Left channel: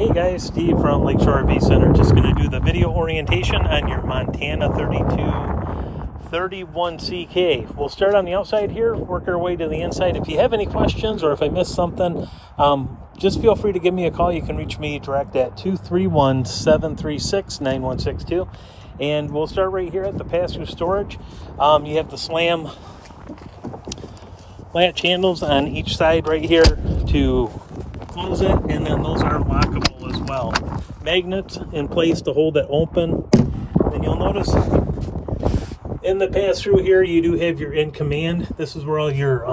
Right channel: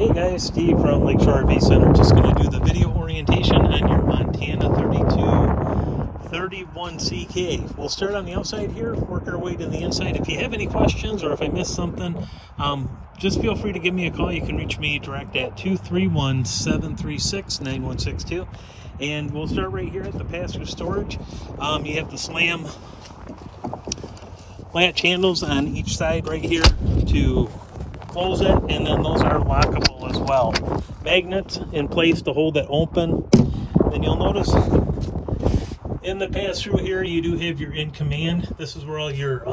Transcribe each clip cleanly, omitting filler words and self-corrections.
Hey guys, Steve from Lakeshore RV Center. Just going to do the video orientation on your Montana 3231CK. We'll start on the outside here, work our way to the inside. If you have any questions or if I missed something, just feel free to give me a call. You can reach me direct at 231-736-9162. And we'll start right here at the passenger storage. You have the slam latch handles on each side right here to close it, and then those are lockable as well. Magnets in place to hold it open. Then you'll notice in the pass-through here, you do have your in command. This is where all your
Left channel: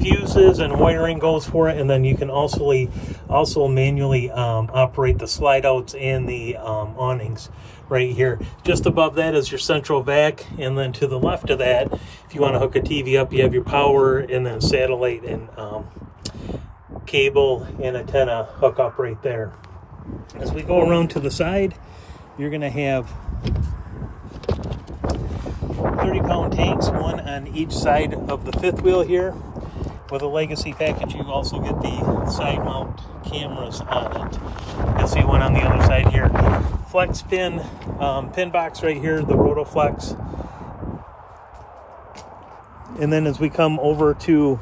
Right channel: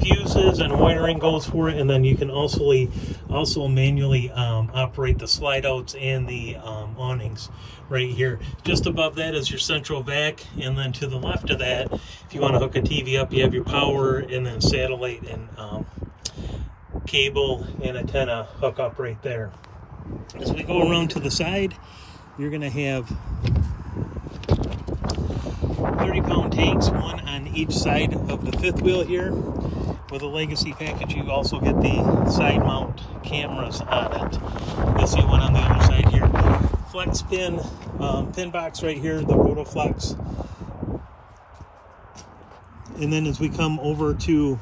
fuses and wiring goes for it, and then you can also manually operate the slide outs and the awnings right here. Just above that is your central vac, and then to the left of that, if you want to hook a TV up, you have your power and then satellite and cable and antenna hook up right there. As we go around to the side, you're going to have 30-pound tanks, one on each side of the fifth wheel here. With a legacy package, you also get the side mount cameras on it. You'll see one on the other side here. Flex pin, pin box right here, the Rotoflex. And then as we come over to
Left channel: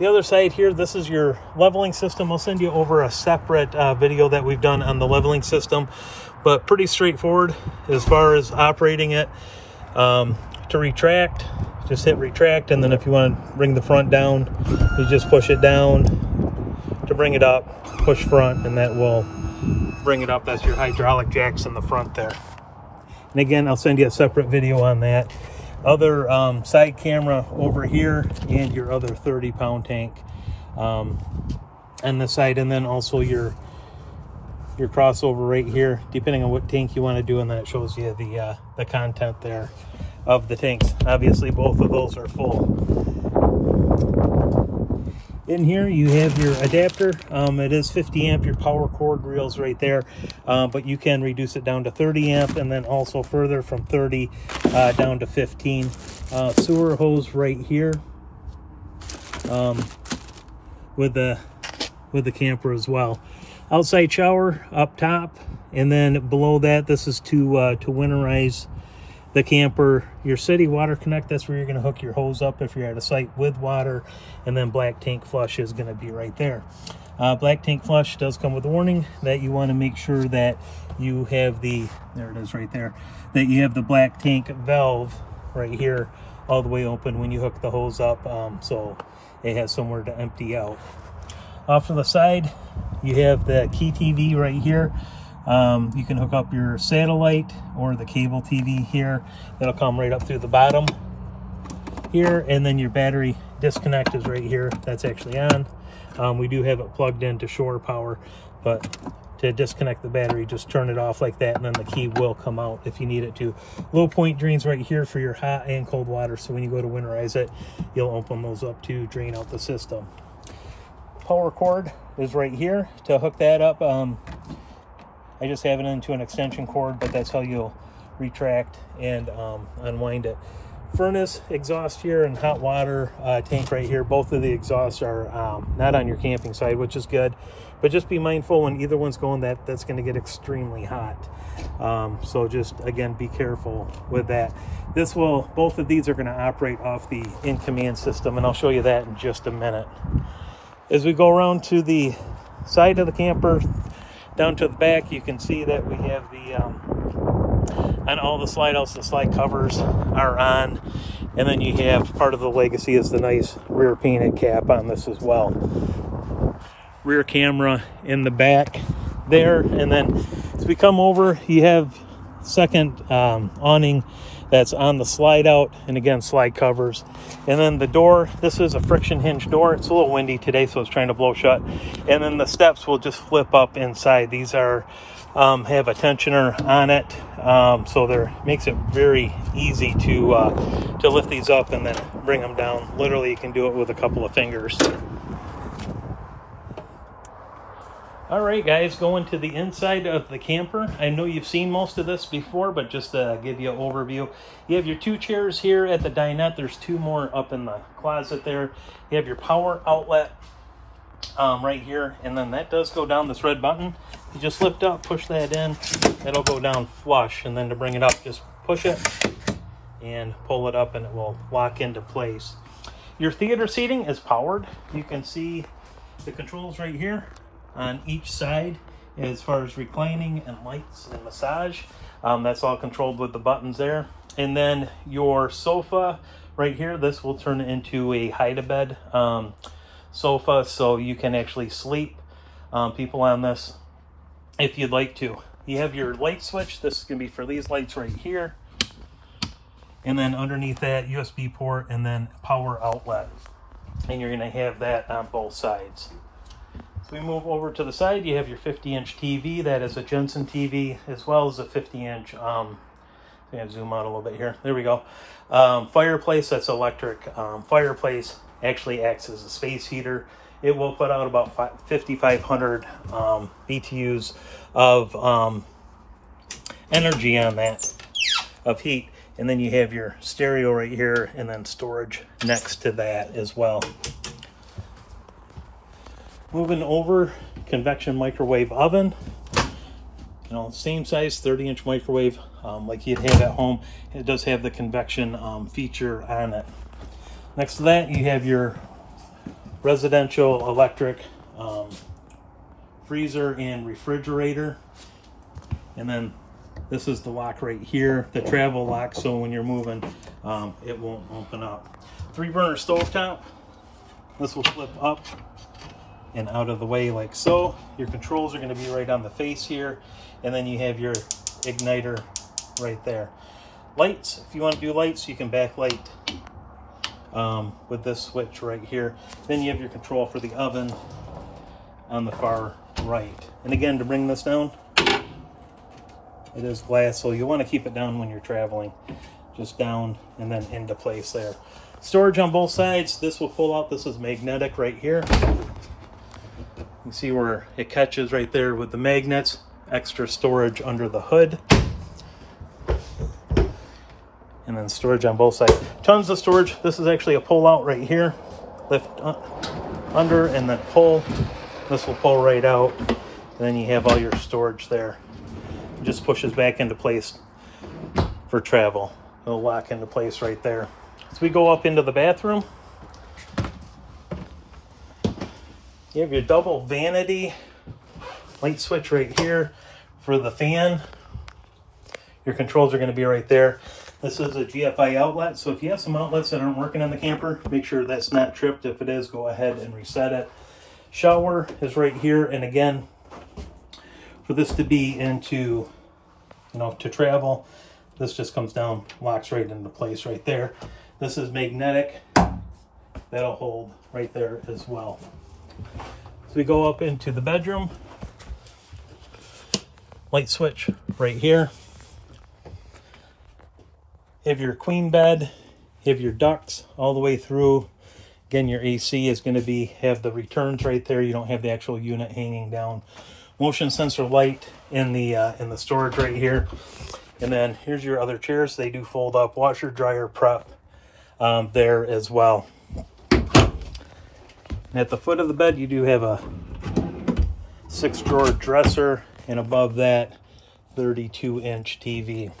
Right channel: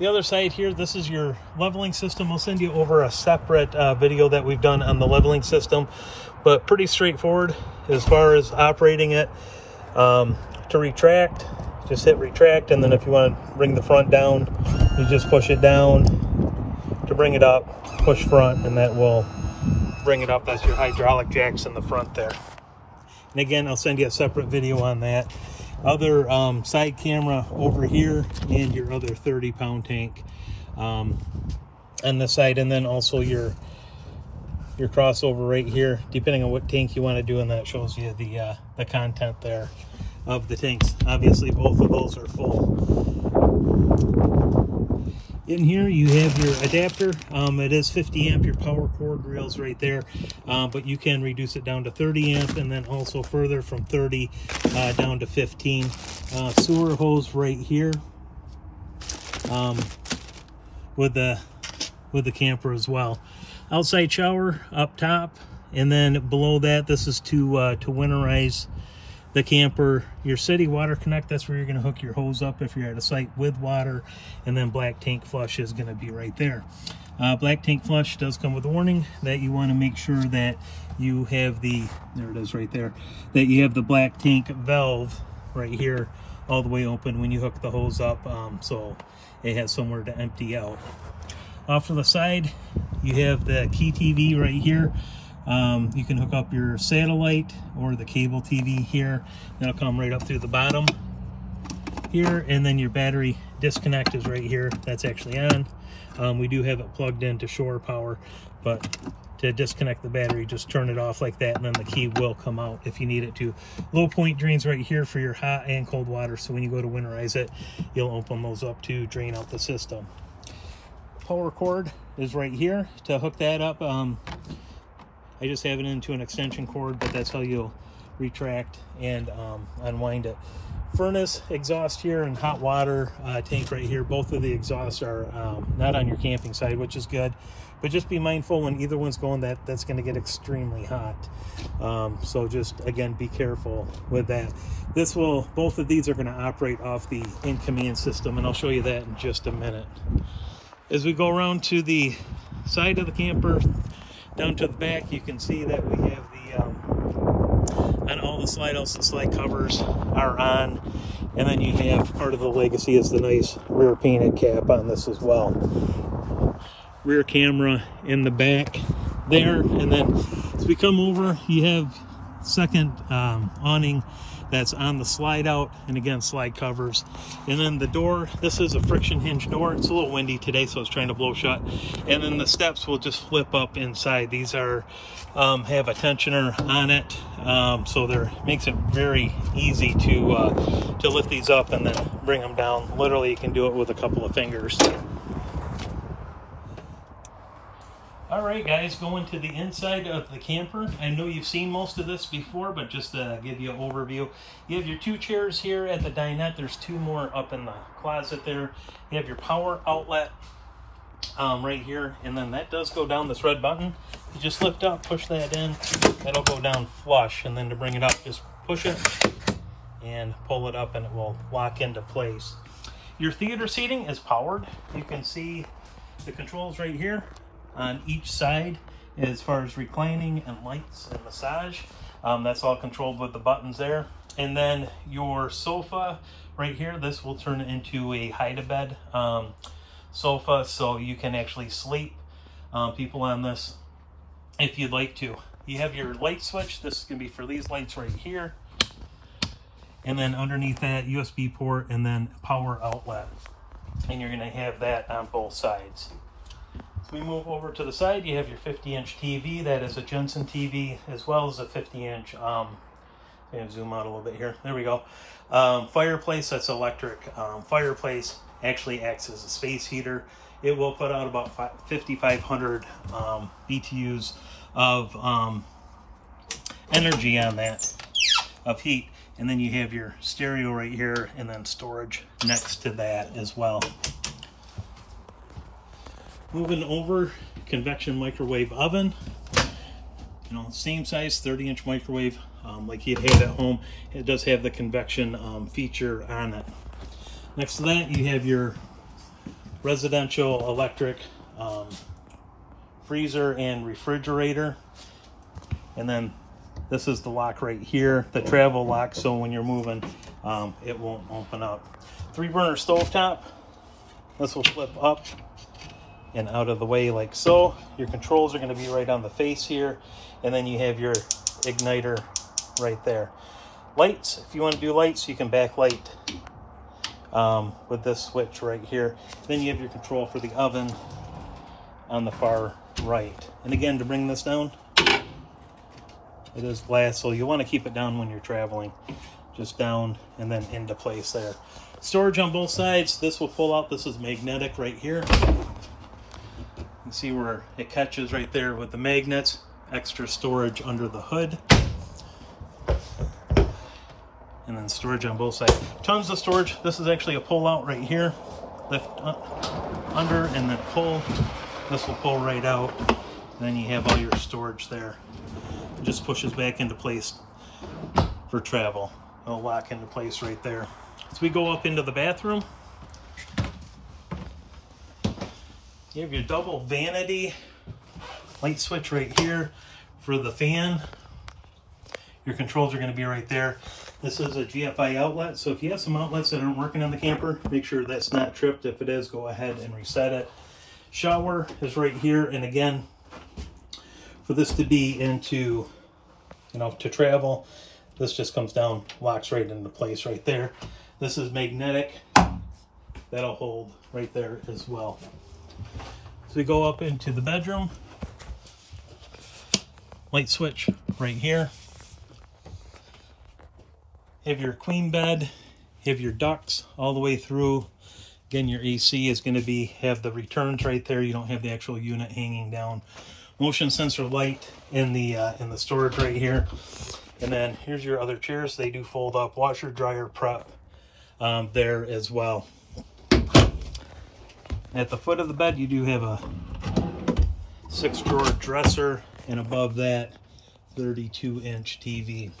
the other side here, this is your leveling system. I'll send you over a separate video that we've done on the leveling system, but pretty straightforward as far as operating it. To retract, just hit retract, and then if you want to bring the front down, you just push it down. To bring it up, push front, and that will bring it up. That's your hydraulic jacks in the front there. And again, I'll send you a separate video on that. Other side camera over here, and your other 30-pound tank on the side, and then also your crossover right here, depending on what tank you want to do, and that shows you the content there of the tanks. Obviously both of those are full. In here you have your adapter. It is 50 amp, your power cord reels right there, but you can reduce it down to 30 amp, and then also further from 30 down to 15. Sewer hose right here with the camper as well. Outside shower up top, and then below that, this is to winterize the camper. Your city water connect, that's where you're going to hook your hose up if you're at a site with water, and then black tank flush is going to be right there. Black tank flush does come with a warning that you want to make sure that you have there it is right there, that you have the black tank valve right here all the way open when you hook the hose up, so it has somewhere to empty out. Off to the side, you have the key TV right here. You can hook up your satellite or the cable TV here. It'll come right up through the bottom here, and then your battery disconnect is right here. That's actually on. We do have it plugged into shore power, but to disconnect the battery, just turn it off like that, and then the key will come out if you need it to. Low point drains right here for your hot and cold water, so when you go to winterize it, you'll open those up to drain out the system. Power cord is right here. To hook that up, I just have it into an extension cord, but that's how you'll retract and unwind it. Furnace, exhaust here, and hot water tank right here. Both of the exhausts are not on your camping side, which is good, but just be mindful when either one's going, that's going to get extremely hot. So just, again, be careful with that. Both of these are going to operate off the in-command system, and I'll show you that in just a minute. As we go around to the side of the camper, down to the back, you can see that we have on all the slide outs, the slide covers are on, and then you have part of the legacy is the nice rear painted cap on this as well. Rear camera in the back there, and then as we come over, you have second awning that's on the slide out, and again, slide covers. And then the door, this is a friction hinge door. It's a little windy today, so it's trying to blow shut. And then the steps will just flip up inside. These are have a tensioner on it, so makes it very easy to lift these up and then bring them down. Literally, you can do it with a couple of fingers. All right, guys, going to the inside of the camper. I know you've seen most of this before, but just to give you an overview, you have your two chairs here at the dinette. There's two more up in the closet there. You have your power outlet right here, and then that does go down, this red button. You just lift up, push that in, it'll go down flush, and then to bring it up, just push it and pull it up and it will lock into place. Your theater seating is powered. You can see the controls right here on each side as far as reclining and lights and massage. That's all controlled with the buttons there. And then your sofa right here, this will turn into a hide-a-bed sofa, so you can actually sleep people on this if you'd like to. You have your light switch. This is going to be for these lights right here. And then underneath that, USB port and then power outlet. And you're going to have that on both sides. So we move over to the side, you have your 50-inch TV. That is a Jensen TV, as well as a 50-inch, I'm going to zoom out a little bit here. There we go. Fireplace, that's electric. Fireplace actually acts as a space heater. It will put out about 5,500 BTUs of energy on that, of heat. And then you have your stereo right here, and then storage next to that as well. Moving over, convection microwave oven. You know, same size, 30-inch microwave like you'd have at home. It does have the convection feature on it. Next to that, you have your residential electric freezer and refrigerator. And then this is the lock right here, the travel lock, so when you're moving, it won't open up. 3-burner stovetop. This will flip up and out of the way like so. Your controls are going to be right on the face here, and then you have your igniter right there. Lights, if you want to do lights, you can backlight with this switch right here. Then you have your control for the oven on the far right. And again, to bring this down, it is glass, so you want to keep it down when you're traveling. Just down and then into place there. Storage on both sides. This will pull out. This is magnetic right here. You see where it catches right there with the magnets. Extra storage under the hood. And then storage on both sides. Tons of storage. This is actually a pull out right here. Lift under and then pull. This will pull right out. And then you have all your storage there. It just pushes back into place for travel. It'll lock into place right there. As we go up into the bathroom, you have your double vanity light switch right here for the fan. Your controls are going to be right there. This is a GFI outlet, so if you have some outlets that aren't working on the camper, make sure that's not tripped. If it is, go ahead and reset it. Shower is right here, and again, for this to be into, you know, to travel, this just comes down, locks right into place right there. This is magnetic. That'll hold right there as well. So we go up into the bedroom. Light switch right here. You have your queen bed. You have your ducts all the way through. Again, your AC is going to have the returns right there. You don't have the actual unit hanging down. Motion sensor light in the storage right here. And then here's your other chairs. They do fold up. Washer, dryer, prep there as well. And at the foot of the bed, you do have a 6-drawer dresser, and above that, 32-inch TV.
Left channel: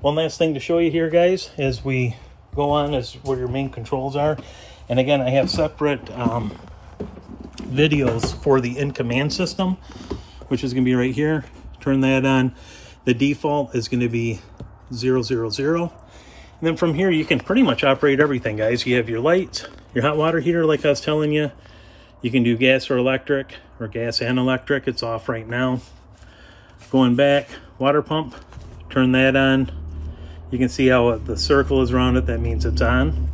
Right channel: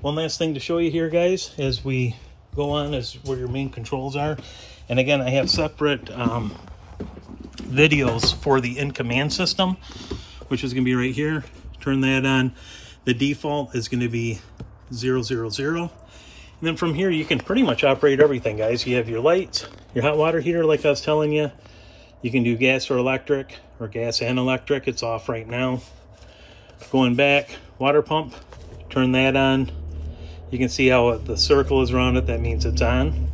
One last thing to show you here, guys, as we go on, is where your main controls are. And again, I have separate videos for the in-command system, which is going to be right here. Turn that on. The default is going to be 000. And then from here, you can pretty much operate everything, guys. You have your lights, your hot water heater, like I was telling you. You can do gas or electric, or gas and electric. It's off right now. Going back, water pump, turn that on. You can see how the circle is around it. That means it's on.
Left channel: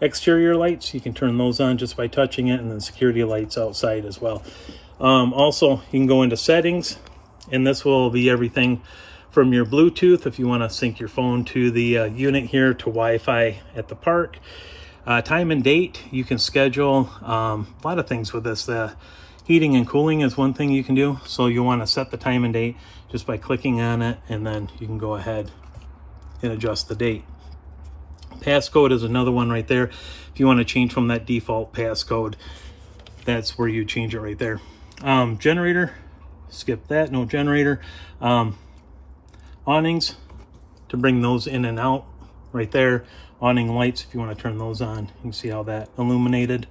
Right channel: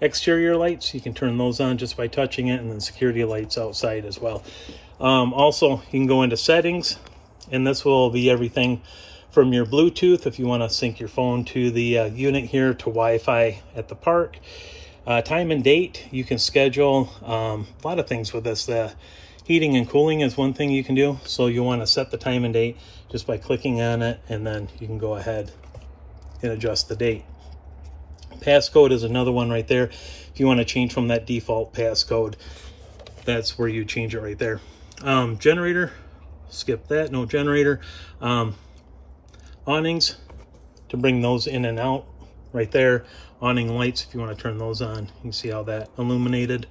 Exterior lights, you can turn those on just by touching it, and then security lights outside as well. Also, you can go into settings, and this will be everything from your Bluetooth, if you want to sync your phone to the unit here, to Wi-Fi at the park. Time and date, you can schedule a lot of things with this. The heating and cooling is one thing you can do. So you want to set the time and date just by clicking on it, and then you can go ahead and adjust the date. Passcode is another one right there if you want to change from that default passcode. that's where you change it right there. Generator, skip that, no generator. Awnings, to bring those in and out right there. Awning lights, if you want to turn those on, you can see how that illuminated.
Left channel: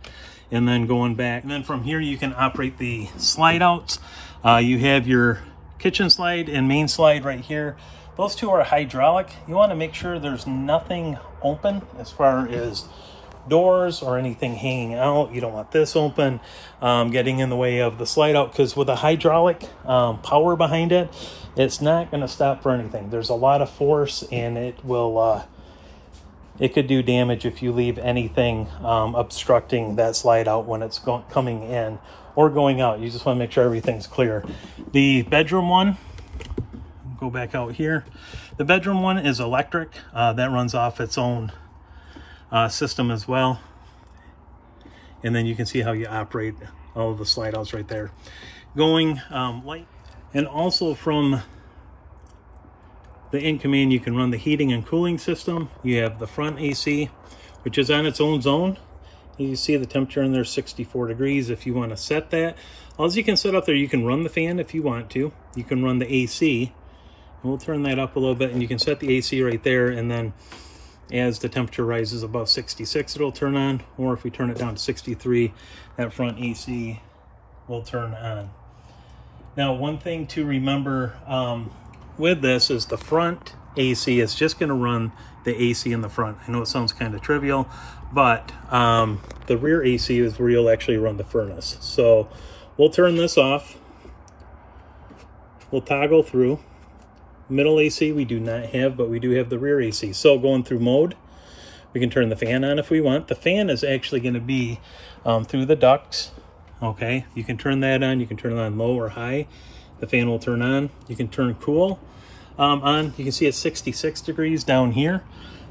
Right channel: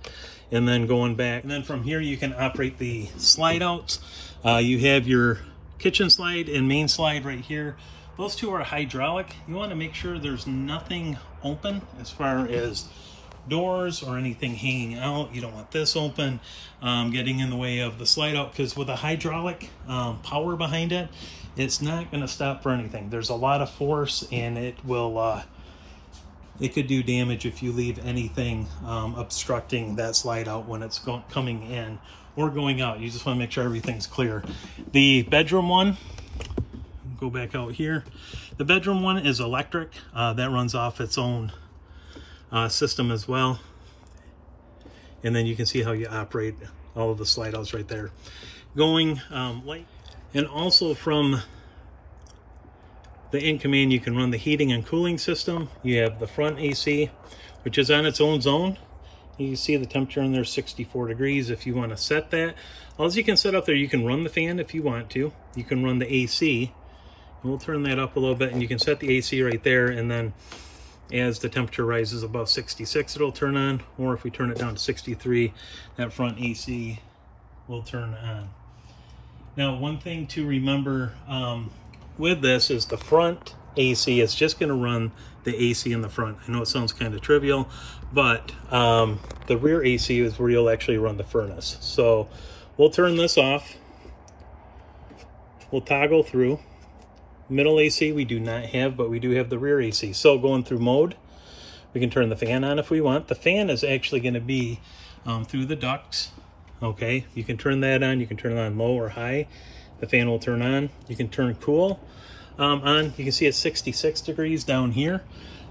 And then going back, and then from here you can operate the slide outs. You have your kitchen slide and main slide right here. Those two are hydraulic. You want to make sure there's nothing open as far as doors or anything hanging out. You don't want this open, getting in the way of the slide out, because with a hydraulic power behind it, it's not going to stop for anything. There's a lot of force, and it will it could do damage if you leave anything obstructing that slide out when it's coming in or going out. You just want to make sure everything's clear. The bedroom one, go back out here. The bedroom one is electric. That runs off its own system as well. And then you can see how you operate all of the slide outs right there. Going light. And also from the in command, you can run the heating and cooling system. You have the front AC, which is on its own zone. You see the temperature in there, 64 degrees. If you want to set that, all you can set up there, you can run the fan if you want to. You can run the AC. And we'll turn that up a little bit, and you can set the AC right there, and then as the temperature rises above 66, it'll turn on. Or if we turn it down to 63, that front AC will turn on. Now, one thing to remember with this is the front AC is just going to run the AC in the front. I know it sounds kind of trivial, but the rear AC is where you'll actually run the furnace. So we'll turn this off. We'll toggle through. Middle AC we do not have, but we do have the rear AC. So going through mode, we can turn the fan on if we want. The fan is actually going to be through the ducts. Okay, you can turn that on. You can turn it on low or high. The fan will turn on. You can turn cool on. You can see it's 66 degrees down here.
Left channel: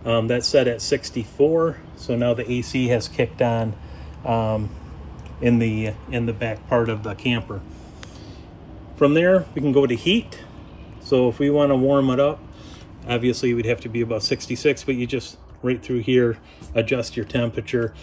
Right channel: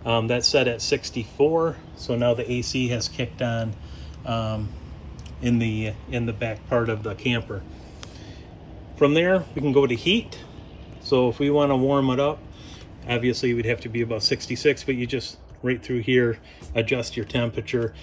That's set at 64. So now the AC has kicked on in the back part of the camper. From there, we can go to heat. So if we want to warm it up, obviously we'd have to be about 66, but you just right through here adjust your temperature.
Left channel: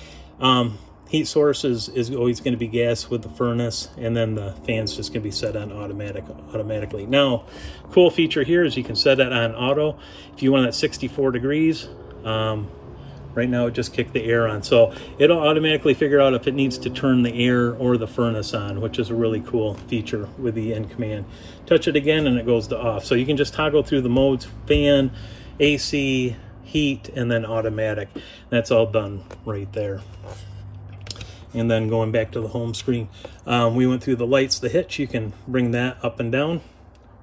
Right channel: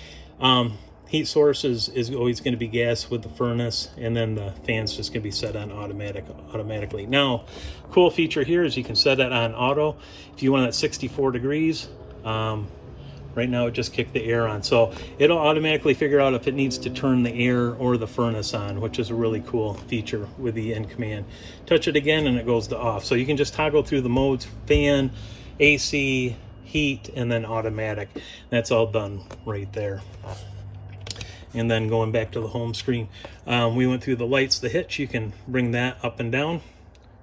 Heat source is always going to be gas with the furnace, and then the fan's just going to be set on automatically. Now, cool feature here is you can set it on auto. If you want it at 64 degrees, right now it just kicked the air on. So it'll automatically figure out if it needs to turn the air or the furnace on, which is a really cool feature with the in command. Touch it again and it goes to off. So you can just toggle through the modes: fan, AC, heat, and then automatic. That's all done right there. And then going back to the home screen, we went through the lights, the hitch. You can bring that up and down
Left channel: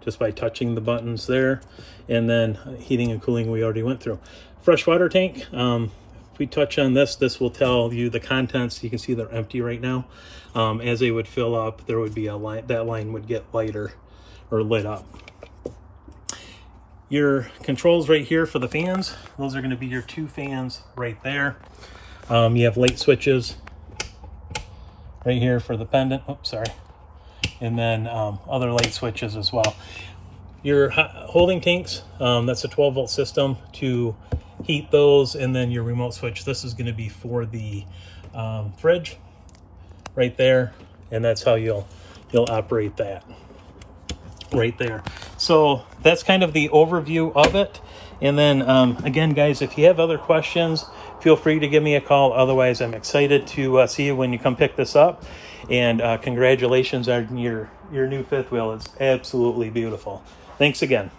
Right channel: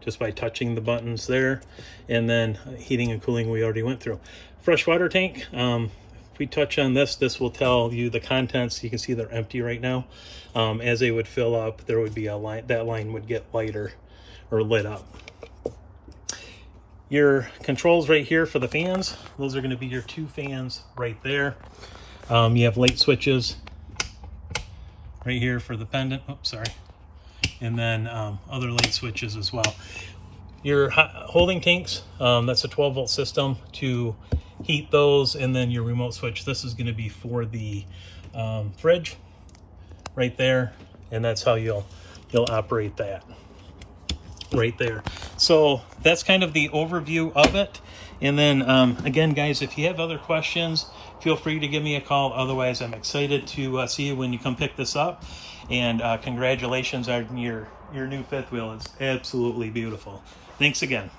just by touching the buttons there. And then heating and cooling we already went through. Freshwater tank, if we touch on this, this will tell you the contents. You can see they're empty right now. As they would fill up, there would be a line, that line would get lighter or lit up. Your controls right here for the fans, those are going to be your two fans right there. You have light switches right here for the pendant, oops, sorry, and then other light switches as well. Your holding tanks, that's a 12-volt system to heat those, and then your remote switch, this is going to be for the fridge right there, and that's how you'll operate that right there. So that's kind of the overview of it. And then again, guys, if you have other questions, feel free to give me a call. Otherwise, I'm excited to see you when you come pick this up. And congratulations on your new fifth wheel. It's absolutely beautiful. Thanks again.